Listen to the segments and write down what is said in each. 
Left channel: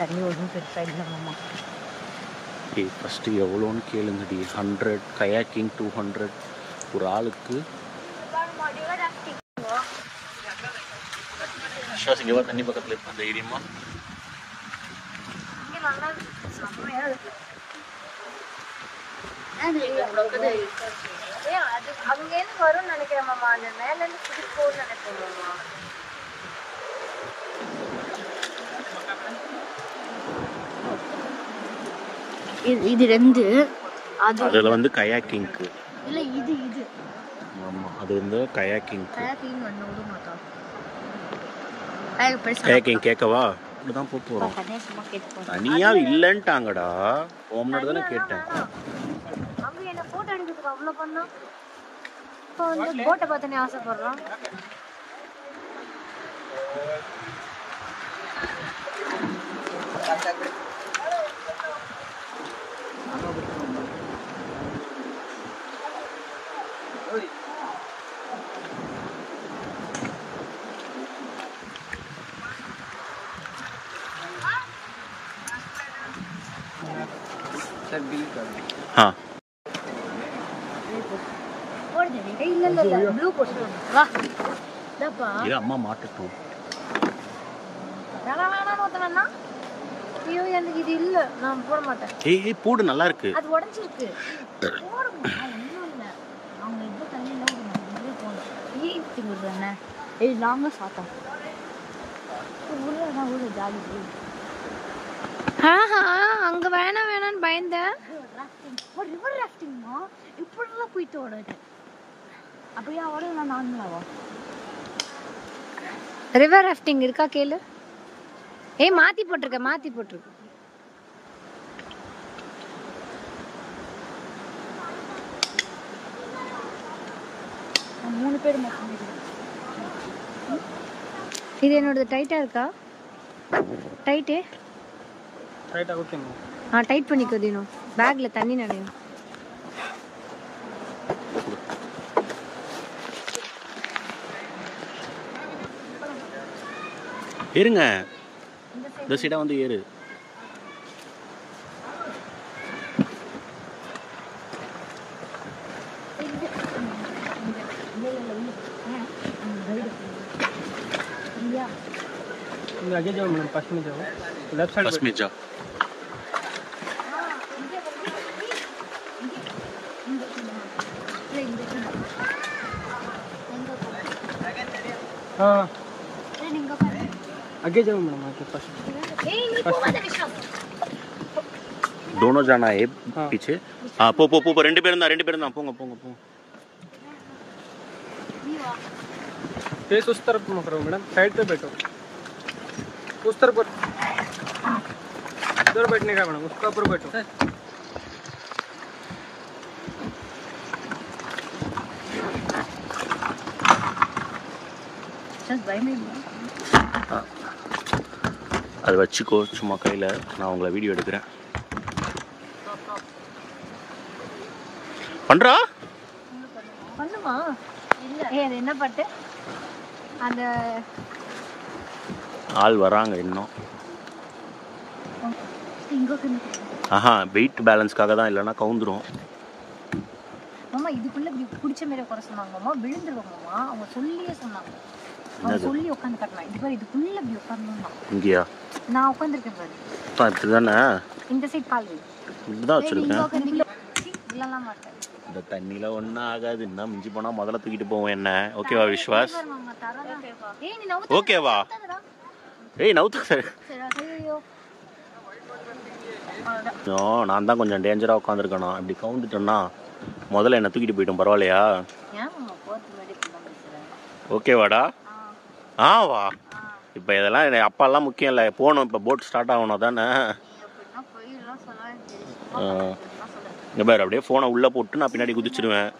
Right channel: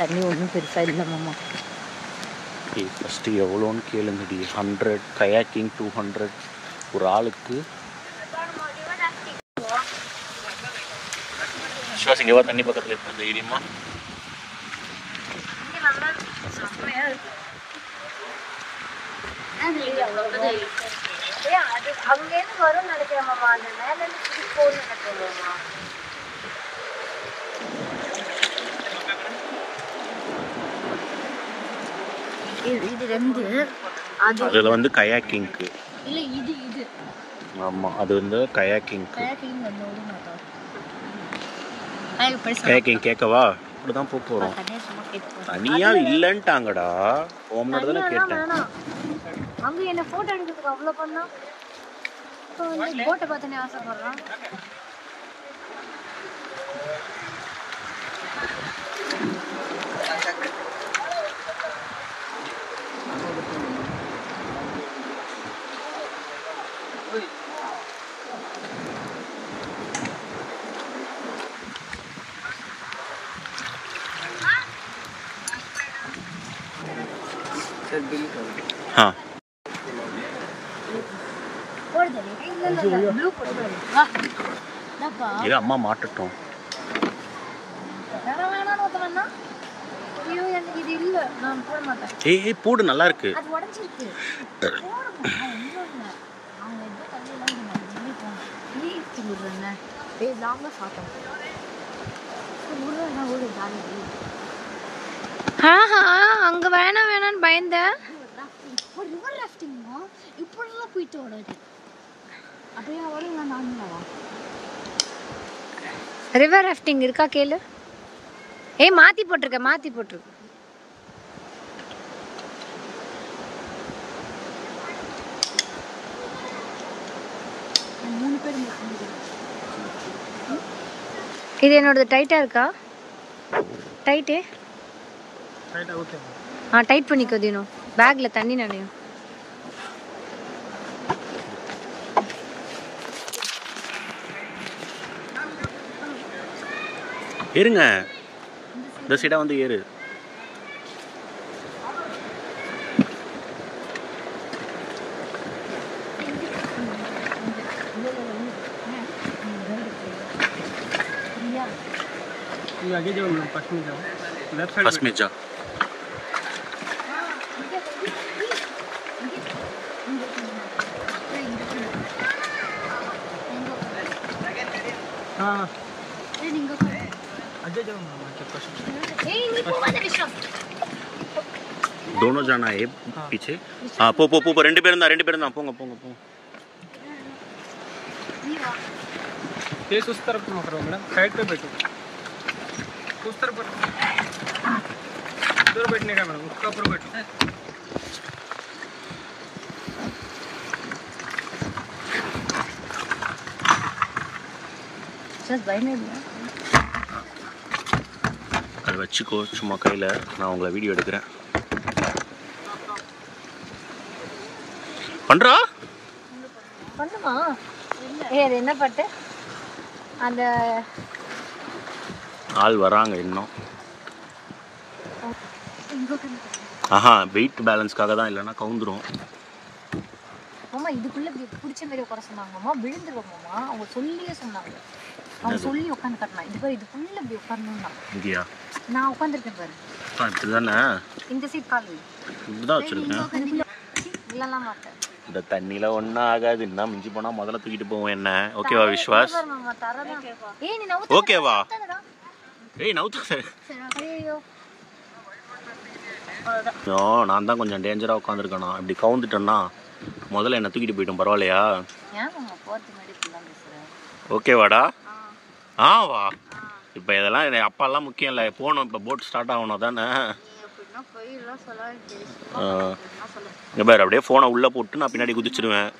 தண்ணி ஒன்றும் பெருசாக இல்லை மாமா. ஃபஸ்ட்டு எவ்வளோன்னு கேளுங்கடி. 100 கயாக்கிங் 200 ஒரு ஆளுக்கு. விஸ்வாஸ் இங்கே தண்ணி பக்கத்தில் இருக்க தைரியமா இது ரெண்டு. அதுல வந்து கயாக்கிங்க்கு இல்ல இது ஆமா அது வந்து கயாக்கிங்க்கு. கயாக்கிங் பண்ண விட மாட்டோம். கயாக்கிங் கேட்கவா? இப்படிதான் போறோம். தனியா இல்லன்ட்டாங்கடா. ஓம்னோட தானே கேட்டேன். அங்க என்ன போட்டோ எடுக்கிறதுக்கு அவ்வளவு பண்ணா. இப்போ வந்து போட்டை பார்த்தனே ஆசைப்படுறோம். हाँ இது அம்மா மாட்டட்டும். இது இல்ல நான் போட மாட்டேன். ஏய் போடு நல்லா இருக்கு. அது உடைஞ்சிருக்கு. போடுமா ஒண்ணும் இல்ல. அவங்க எது தண்ணில ஊற மாட்டாங்க. போணும். நீ திங்குறனே. இது லாங்கா சாப்பிடணும். முள்ளனா ஊரு ஜாலி. அங்க வேணான்னு பயந்தேன். ரிவர் ராஃப்டிங்மா இப்படிலாம் போயிட்டு ஓடுது. அப்படியே ஓடுங்க நானும். ரிவர் ராஃப்டிங் இருக்கா கேளு. ஏய் மாத்தி போட்டுருக்கு. மூணு பேர் மட்டும். இது என்னோட டைட்டா இருக்கா? டைட்டு டைட் பண்ணிக்கோ தினம். பேக்ல தண்ணி நனையும். ஏறுங்க. இந்த சைடா வந்து ஏறு. आगे जाओ मैडम, पास में जाओ, लेफ्ट साइड बस में जा. हाँ आगे जाओ मैडम, आगे पास में. दोनों जाना है पीछे. हाँ पो ரெண்டு பேரும் தான் போங்க. फेस उस तरफ मत करो मैडम, साइड पे बैठो. उस तरफ उधर बैठने का मैडम, उसका ऊपर बैठो. அது வச்சுக்கோ சும்மா கையில். நான் உங்களை வீடியோ எடுக்கிறேன். பண்ணுறா பண்ணுமா? அது என்ன பாட்டு? அந்த ஆள் வராங்க இன்னும். ஆஹா வெயிட் பேலன்ஸ்க்காக தான், இல்லைன்னா கவுந்துரும். மாமா இதுக்குள்ள இப்படி பிடிச்ச மாதிரி உட்கார சொன்னாங்க மாமா. விழுந்துருவாங்கம்மா. அவங்க சொல்லியே சொன்னாங்க. அவங்க சொல்லி உட்காந்து கட்டலாம். இது பாரு இதுக்குள்ள இப்படி உட்காரணும்னா. இங்கேயா? நான் உட்காந்துருக்கேன் பாரு. இப்படிதானே? இந்த சைட் கால் வை. இப்படிதான் வச்சிருக்கேன். இல்லலாம் மாட்டேன். இந்த தண்ணியில ஒன்றும் ஆகாது. இன்னும் மிஞ்சி போனா முதல்ல தூக்கிட்டு போவோம். என்ன ஓகேவா விஸ்வாஸ்? ஓகேவா? ஏய் நவுத்த. நான் தான் கொஞ்சம் டேஞ்சரா உட்காந்துருக்கேனா. இப்படி கவுந்துட்டேன்னா முதல்ல என்ன தூக்கிட்டு போயிட்டோம். பரவாயில்லையா? ஓகேவாடா? வா. இப்போ இதெல்லாம் அப்பாலாம் முக்கியம் இல்லை. போகணும். இப்போ போட் ஸ்டார்ட் ஆகணும் தானே. இங்கே பாரு அப்படியே ஃபோனை உள்ளே போட்டு நான் பின்னாடி குதிச்சிருவேன்.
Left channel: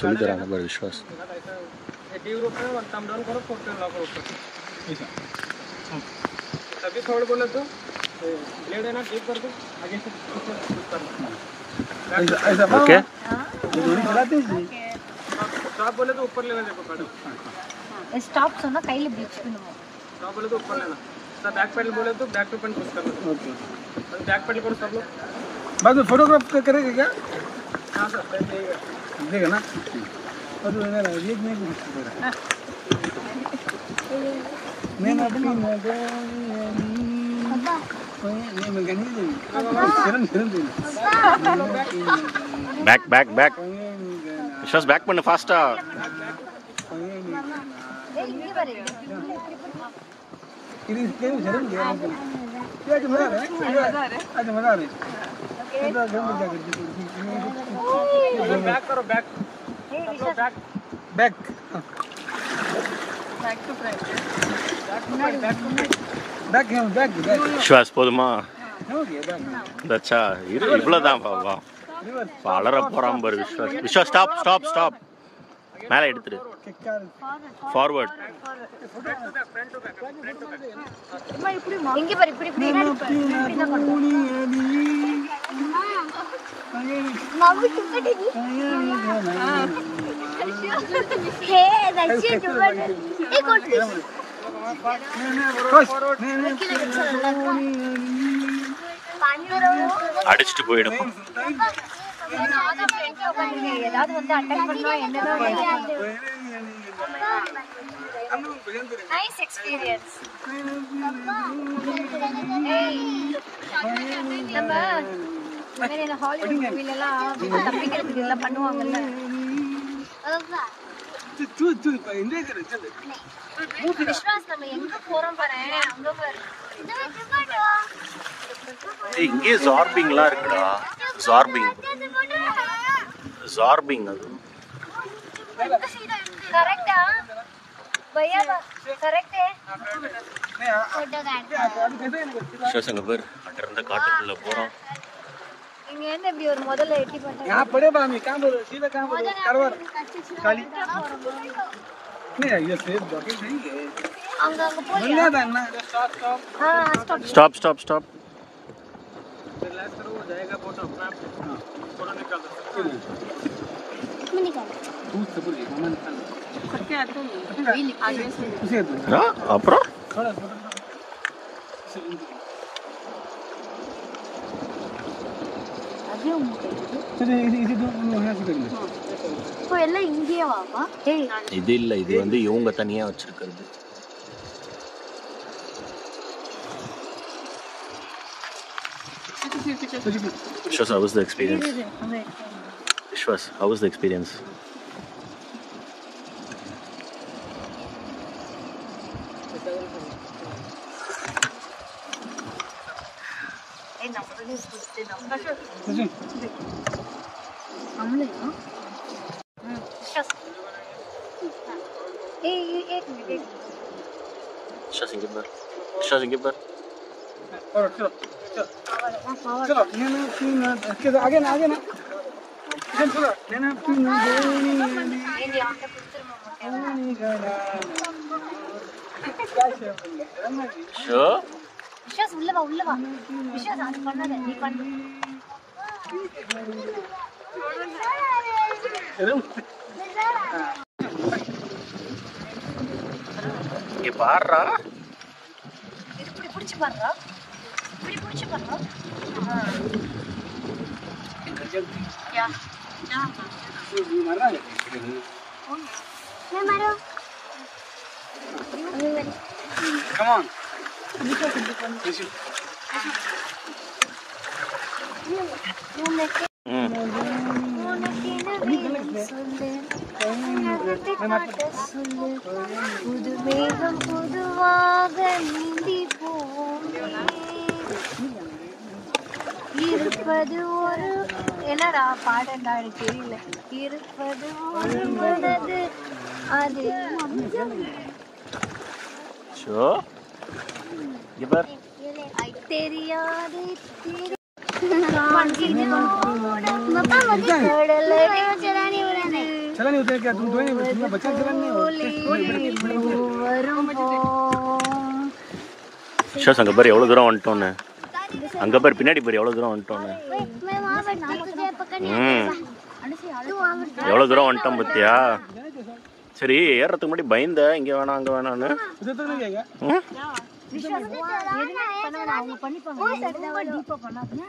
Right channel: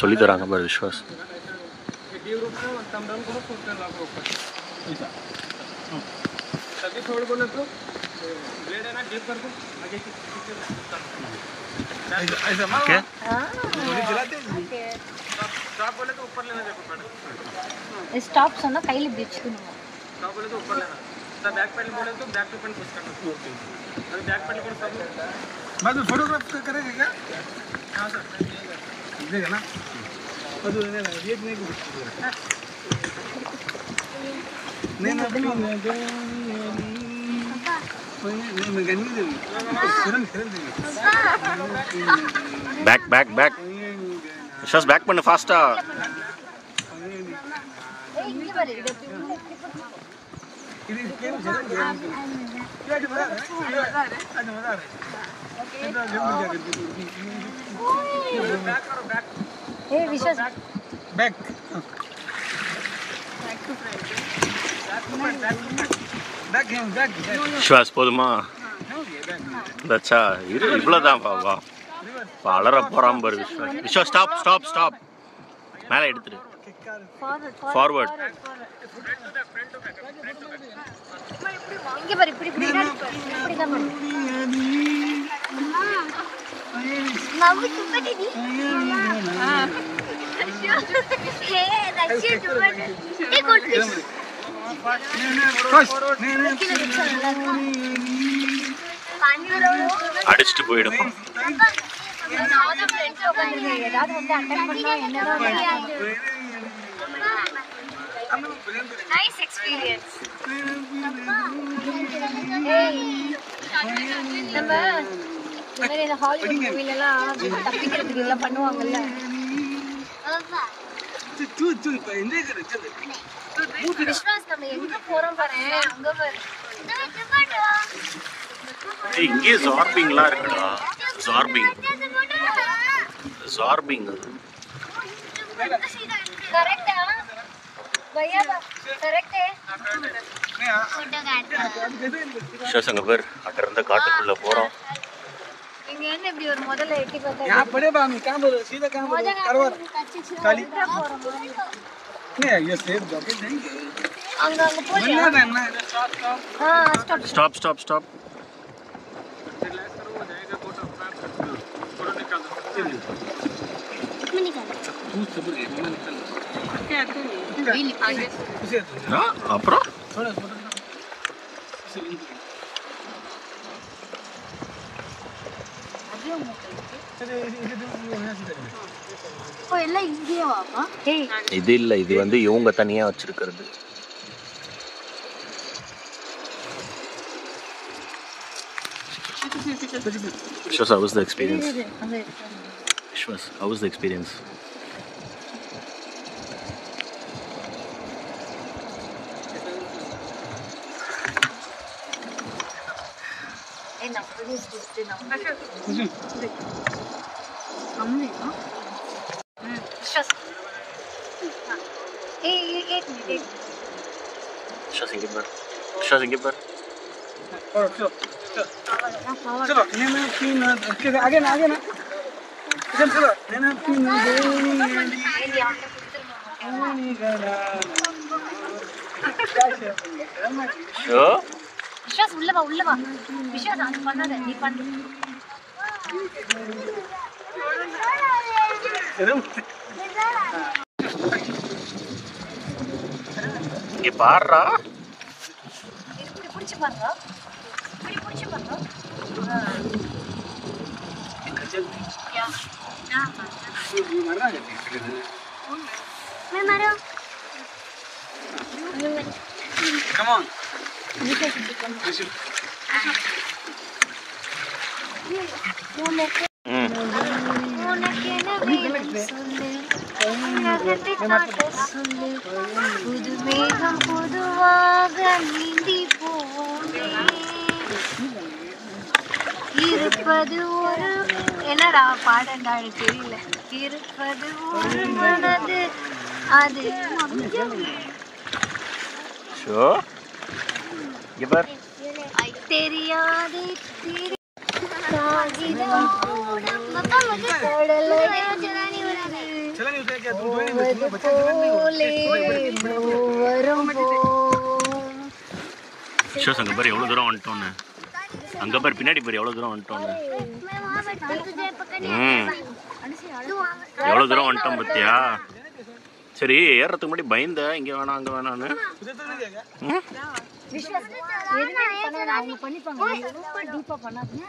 சொல்லி தராங்க பாரு விஸ்வாஸ். ஓகே आप बोले तो ऊपर लेना देखो पैडल स्टॉप சொன்னா கையில இப்படி வச்சுக்கணுமா आप बोले तो ऊपर लेना जब बैक पैडल बोले तो बैक टू फ्रंट पुश करना ओके अभी बैक पैडल करो सब बाद में फोटोग्राफ करेगा क्या हां सर देगा ना अब ये नहीं कुछ नहीं ना pack pack pack Vishwas pack பண்ணு ஃபாஸ்டா ஏய் இங்க பாரு இது கேம் ஜரம் क्या जो मजा आ रहा है बैक करो बैक ஏய் விஸ்வாஸ் बैक बैक है बैक விஸ்வாஸ் போதுமா हो गया बैक தச்சா இரு இவ்வளவுதான் பாவா வளர போறான் பாரு Vishwas Vishwas stop stop stop மேலே எடுத்துரு ஃபார்வர்ட் இங்க பாரு இப்படி இப்படி இப்படி தான் பண்ணணும் நமக்கு பட்டடி ஹே தச்சி டுவன் ஏ குட் அடிச்சிட்டு போயிடும் நானா ஃப்ரெண்ட்ல உட்கார்ந்திருக்கேன் ஏதாவது வந்து அட்டாக் பண்ணனும் என்னதான் நடக்கும் நைஸ் எக்ஸ்பீரியன்ஸ் ஏய் நம்ம இந்த ஹாலிவுட் மூவில எல்லாம் தப்பிக்கிறதுக்கு எல்லாம் பண்ணுவாங்கல்ல விஸ்வாஸ் நம்ம எங்க போறோம் பாரு அங்க பாரு இங்கே ஜார்பிங்லாம் இருக்குடா ஜார்பிங் அது கரெக்ட்டா भैया करेक्ट है விஸ்வாஸ் பேர் அங்க இருந்த காட்டுக்குள்ள போறோம் இங்க என்ன இப்படி ஒரு முதல்ல எட்டி பார்த்தா यहां पड़े बा मैं काम बोलो सीधा काम बोलो करवा खाली नहीं ये सेफ बॉकेट देंगे அங்க போறியா हां stop stop stop stop relax करो हो जाएगा फोटोग्राफ थोड़ा निकाल मैं निकाल तू सुपर है मैं निकाल क्या आगे उसे दो அப்புறம் थोड़ा फोटो उसे लिंक अभी मूव कर चलो इधर दो यहां से कर ले இப்போ எல்லாம் இங்கேயே வாப்பா ஏய் இது இல்ல இது வந்து இவங்க தனியா வச்சிருக்கிறது Vishwas, how was the experience? Vishwas, how was the experience? ஏய் நம்ம சுத்தி நம்ம एक minute Vishwas, inge bar. Vishwas, inge bar. और चलो चलो मैं तीन आगे ना चल चलो मैं तीन Sure? விஸ்வாஸ் உள்ள வா விஸ்வாஸ் அது பண்ணாத நீ பண்ணு இங்க பாருடா இது இப்படி பிடிச்சு பாருடா क्या मैं मारो कम ऑन உனக்கு என்ன வேணும் சொல்லு உனக்கு காட்ட சொல்லு புது மேகம் பொதுவாக நீந்தி போனேன் இருப்பது ஒரு என்னடா பாடண்டா எனக்கு தெரியல இருப்பது ஒரு மனது அது Sure? இங்க பார் தெரியாது கடலடி चला नहीं होता क्या तुम दो नहीं बच्चे चला नहीं வரும் போம் விஸ்வாஸ் அங்க பாரு எவ்வளவு தூரம் வந்துட்டோன்னு அங்க பாரு பின்னாடி பாரு எவ்வளவு தூரம் வந்துட்டோன்னு எவ்வளவு தூரம் வந்துட்டோம் பத்தியா சரி ஏறதுக்கு முன்னாடி பயந்த இங்க வேணாம் அங்க வேணான்னு. எதுவுமே பண்ண வேணாம், அவங்க பண்ணிப்பாங்க. ரொம்ப டீப்பா பண்ணாதீங்க.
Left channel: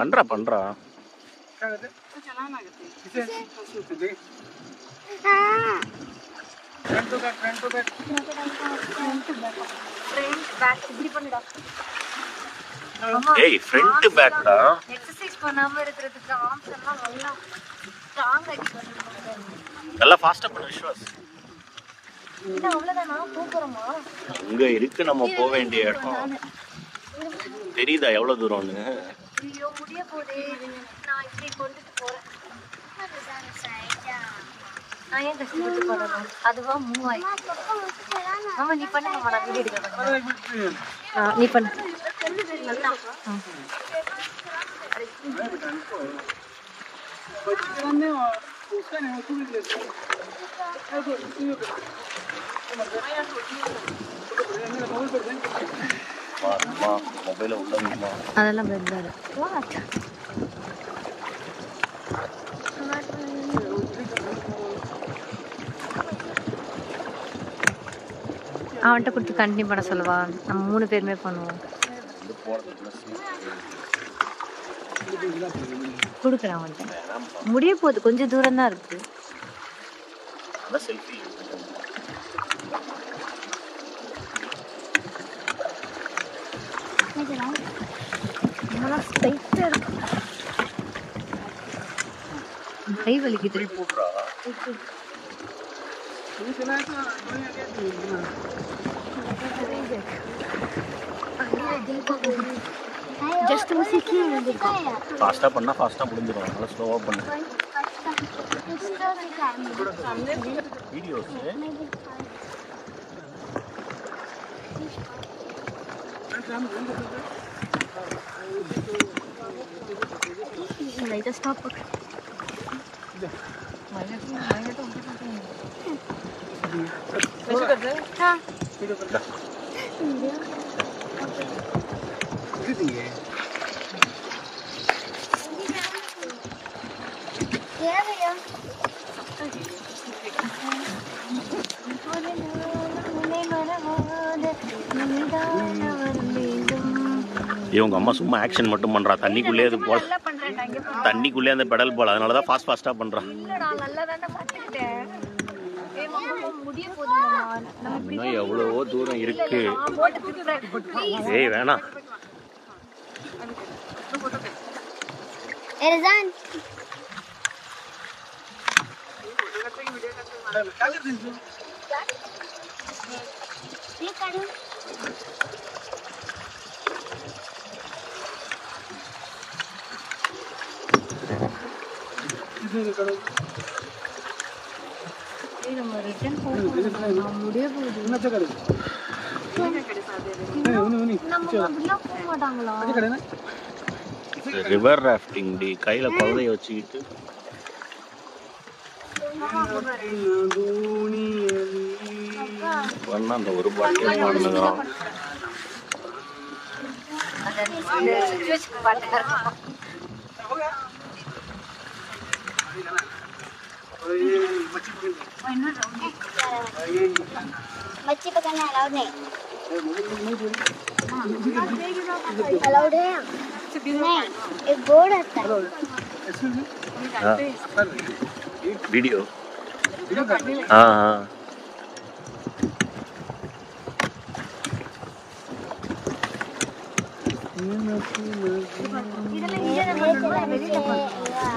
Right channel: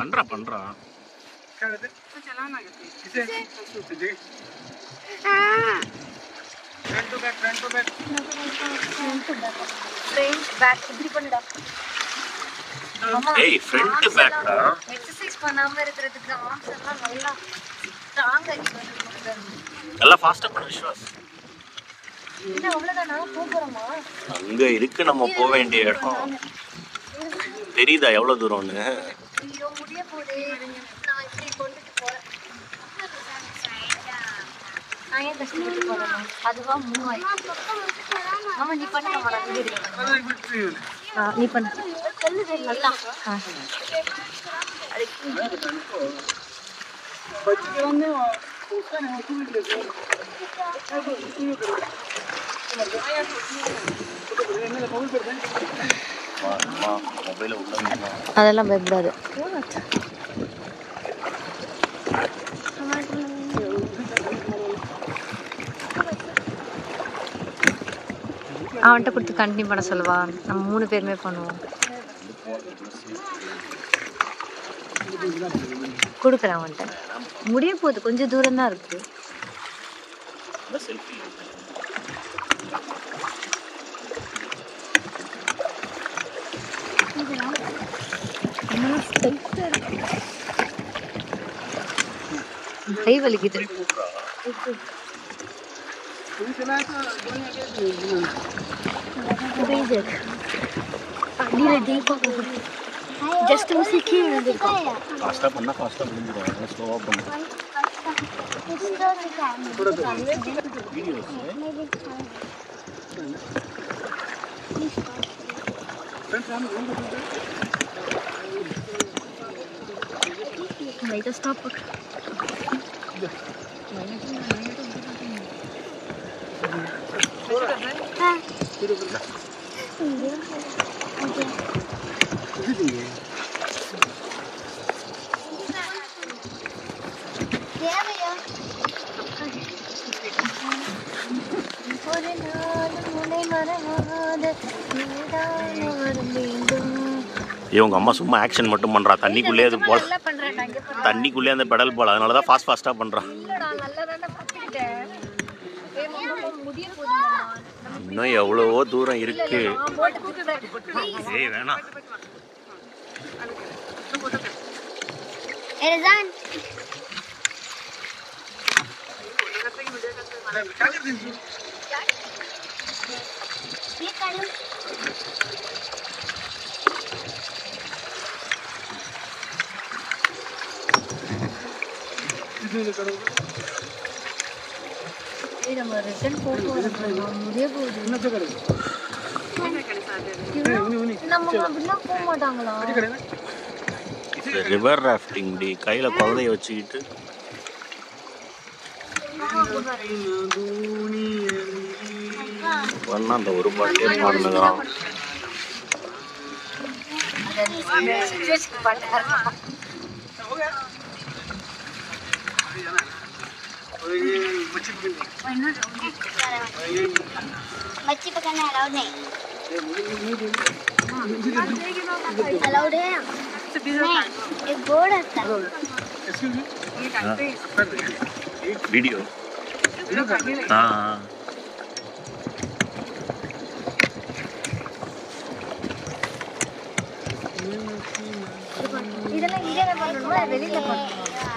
பண்றா இப்படி பண்ணுடா. ஏய் ஃப்ரண்ட் பேக்டா. எக்ஸசைஸ் பண்ணாம இருக்கிறதுக்கு ஆர்ம்ஸ் எல்லாம் நல்லா ஸ்ட்ராங் ஆகிட்டு நல்லா ஃபாஸ்டா பண்ணு விஸ்வாஸ். இது அவ்வளவுதானா? போறோமா? அங்க இருக்கு நம்ம போக வேண்டிய இடம். தெரியுதா எவ்வளவு தூரம்னு? ஐயோ முடிய போதே. நான் இப்படி கொண்டுட்டு போறேன். நான் ஏன் கஷ்டப்பட்டு பண்ணணும்? அதுவா மூவாயிரம். ஆமா நீ பண்ண மாட்டா. நீ பண்ணு. அதெல்லாம் பயப்படாது. அவன்கிட்ட கொடுத்து கண்டினியூ பண்ண சொல்லுவா. நம்ம 3 பேருமே பண்ணுவோம். கொடுக்குறேன் அவன்கிட்ட. முடிய போகுது, கொஞ்சம் தூரம் தான் இருக்கு. கை வலிக்குது. ஃபாஸ்டா பண்ணா ஃபாஸ்டா முடிஞ்சிடும். அதனால ஸ்லோவா பண்ணு. வீடியோஸ் லைட்டா ஸ்டாப். இவங்க அம்மா சும்மா ஆக்ஷன் மட்டும் பண்றா. தண்ணிக்குள்ளே அது போல, தண்ணிக்குள்ளே அந்த பெடல் போல. அதனாலதான் ஃபாஸ்டா பண்றான். இன்னும் எவ்வளவோ தூரம் இருக்கு. ஏய் வேணாம். நம்ம ரிட்டர்ன் போக முடிய போகுது. நம்ம அப்படிலாம் போக மாட்டாங்களா? ரிவர் ராஃப்டிங் டி. கையில குழந்தைய வச்சுக்கிட்டு பண்ணா அந்த ஒரு பாட்டே பாடுனுங்கிறான். बच्चे पकड़ना अलाउड नहीं। अलाउड है नहीं, एक बोर्ड आता है। वीडियो हाँ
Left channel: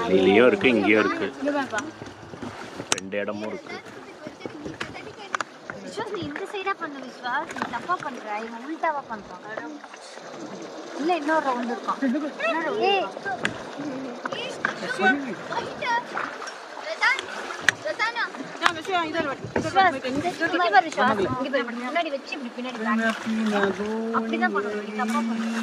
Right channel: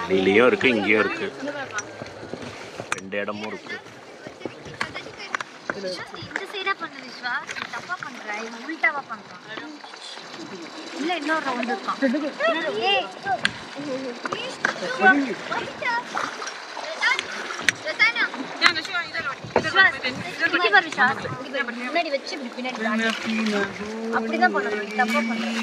வெளியிலயும் இருக்கு இங்கேயும் இருக்கு. 2 இடமும் இருக்கு. இந்த சைடா பண்ணு விஸ்வாஸ். நீ தப்பா பண்ற. இவன் உல்டாவா பண்றான். இல்ல இன்னொரு ரவுண்ட் இருக்கான். ஏய் முன்னாடி வச்சு இப்படி பின்னாடி அப்படிதான் பண்ணணும். தப்பா பண்றேன்.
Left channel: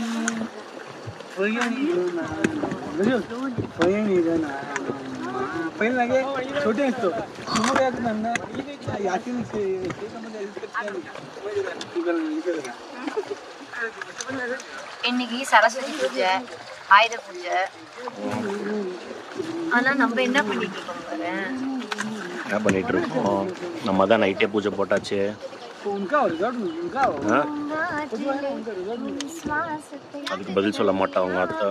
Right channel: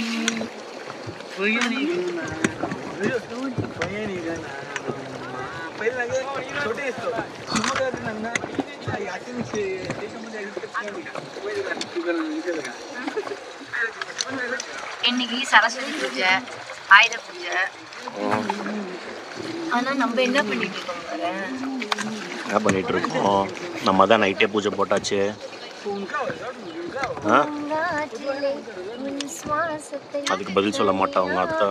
पहले लगे छोटे तो यासिन से இன்னைக்கு சரஸ்வதி பூஜை, ஆயுத பூஜை. ஆனா நம்ம என்ன பண்ணிட்டு இருக்கோம் பாரு. என்ன பண்ணிட்டு இருக்கோம்? நம்ம தான் நைட்டே பூஜை போட்டாச்சு. அதுக்கு பதில் சொல்ல மாட்டோம் அவங்க அத்தை.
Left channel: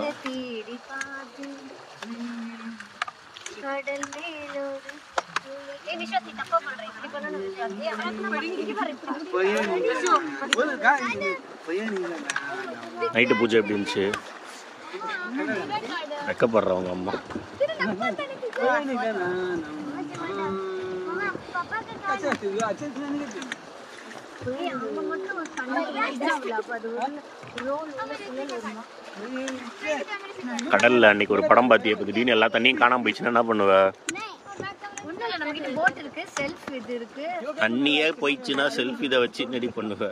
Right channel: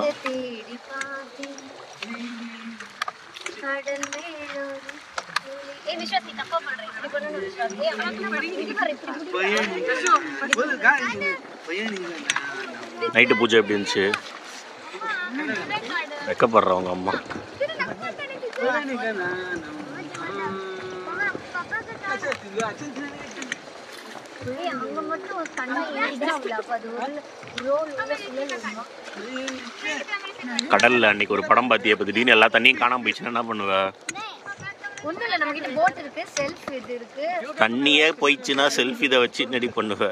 நைட்டு பூஜை எப்படி இருந்துச்சு? வெக்கப்படுறவங்க அம்மா. கடல்ல அன்னைக்கு ஒரு படம் பாத்தியா? இப்ப திடீர்னு எல்லா தண்ணியும் காணாம போயிடுச்சுன்னா என்ன பண்ணுவ? ஒண்ணும் இல்ல, நம்ம கிட்ட போட் இருக்கு, செல்ஃப் இது இருக்கு. தண்ணியே போயிடுச்சுன்னா செல்ஃப் இதை வச்சு என்னடி பண்ணுவ?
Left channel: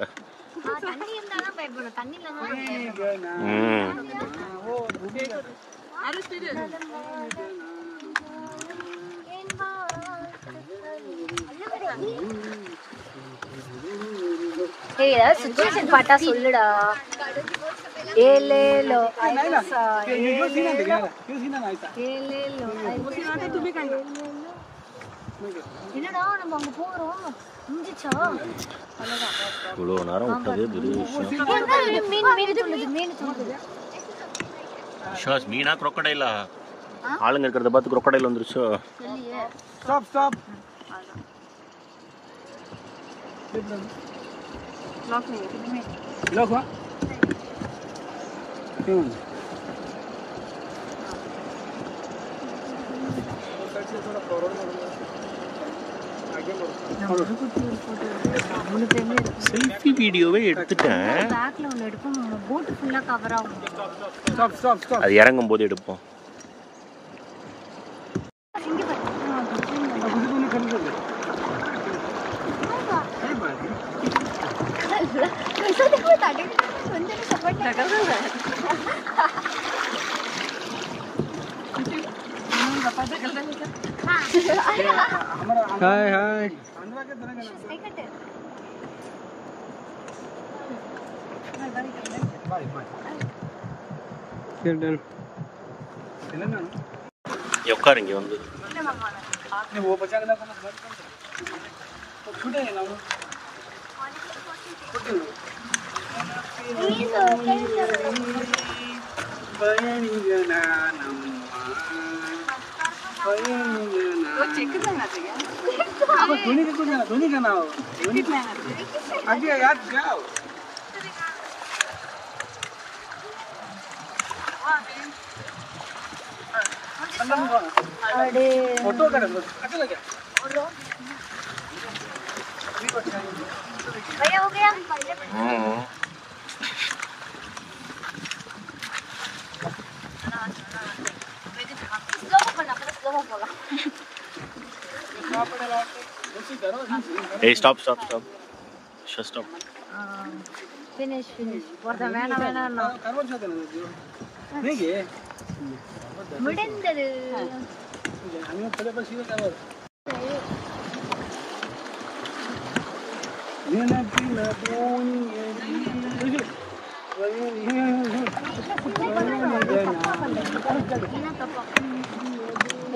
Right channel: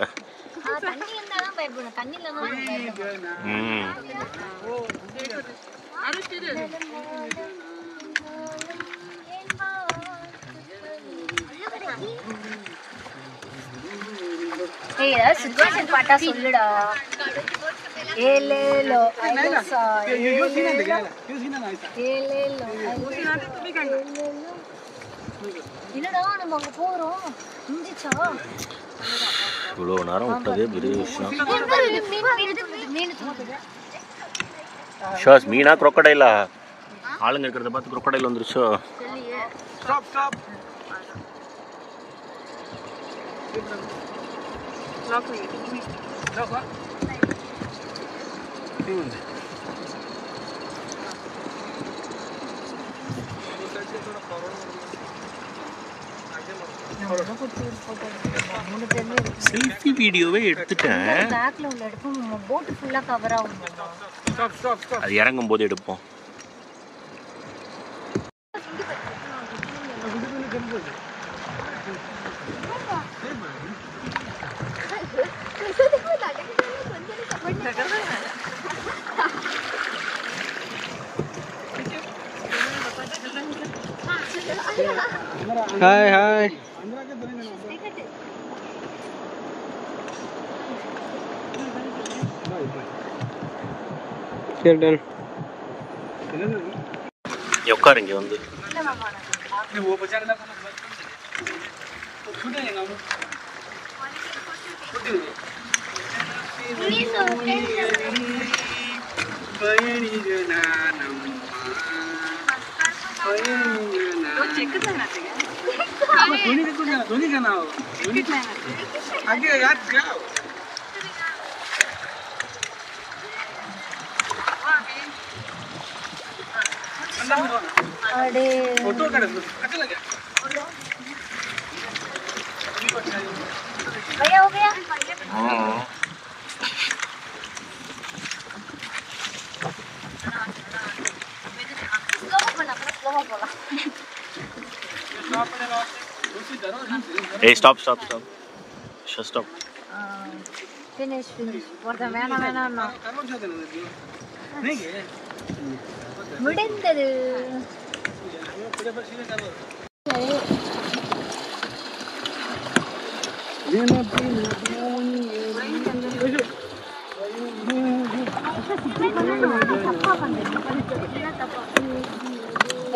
தண்ணி இருந்தா தான் பயப்படணும், தண்ணி இல்லைன்னா பயப்படணும். ஏய், சிச்சுவேஷன் பாட்டா சொல்லுடா. ஏலேலோ ஐலசா ஏலேலோ ஏலேலோ ஐலசா. என்னடா நம்ம அங்க போறோம், முடிஞ்சிச்சா? இவ்வளவு நேரம் விட்டதே பெரிய விஷயம். ஷாஸ் மீனா crocodile-ஆ? ஆளுங்க இருக்கிறத பார்த்து crocodile வந்துருச்சோ? Stop, stop. Lock ma. Selfie வீடியோவே எடுத்துட்டேன். பேக்ல உள்ள எடுப்போம், போட் ஃபுல்லா கவர் ஆகும். Stop, stop, stop. அது இறங்கும் போது எடுப்போம். Hi, hi. உட்காரு இங்க வந்து. भैया हो गया? Hey, stop. Just stop. Finish. வேணாம். முடிந்தது.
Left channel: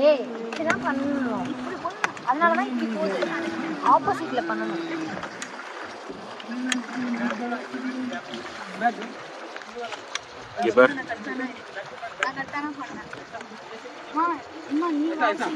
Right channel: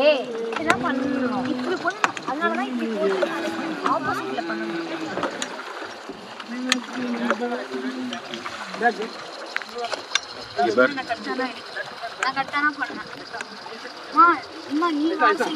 ஏய், என்ன பண்ணணும்? இப்படி பண்ணணும். அதனாலதான் இப்படி போகுது. ஆப்போசிட்ல பண்ணணும். நான் கரெக்டான பண்ணேன். நீ வேலை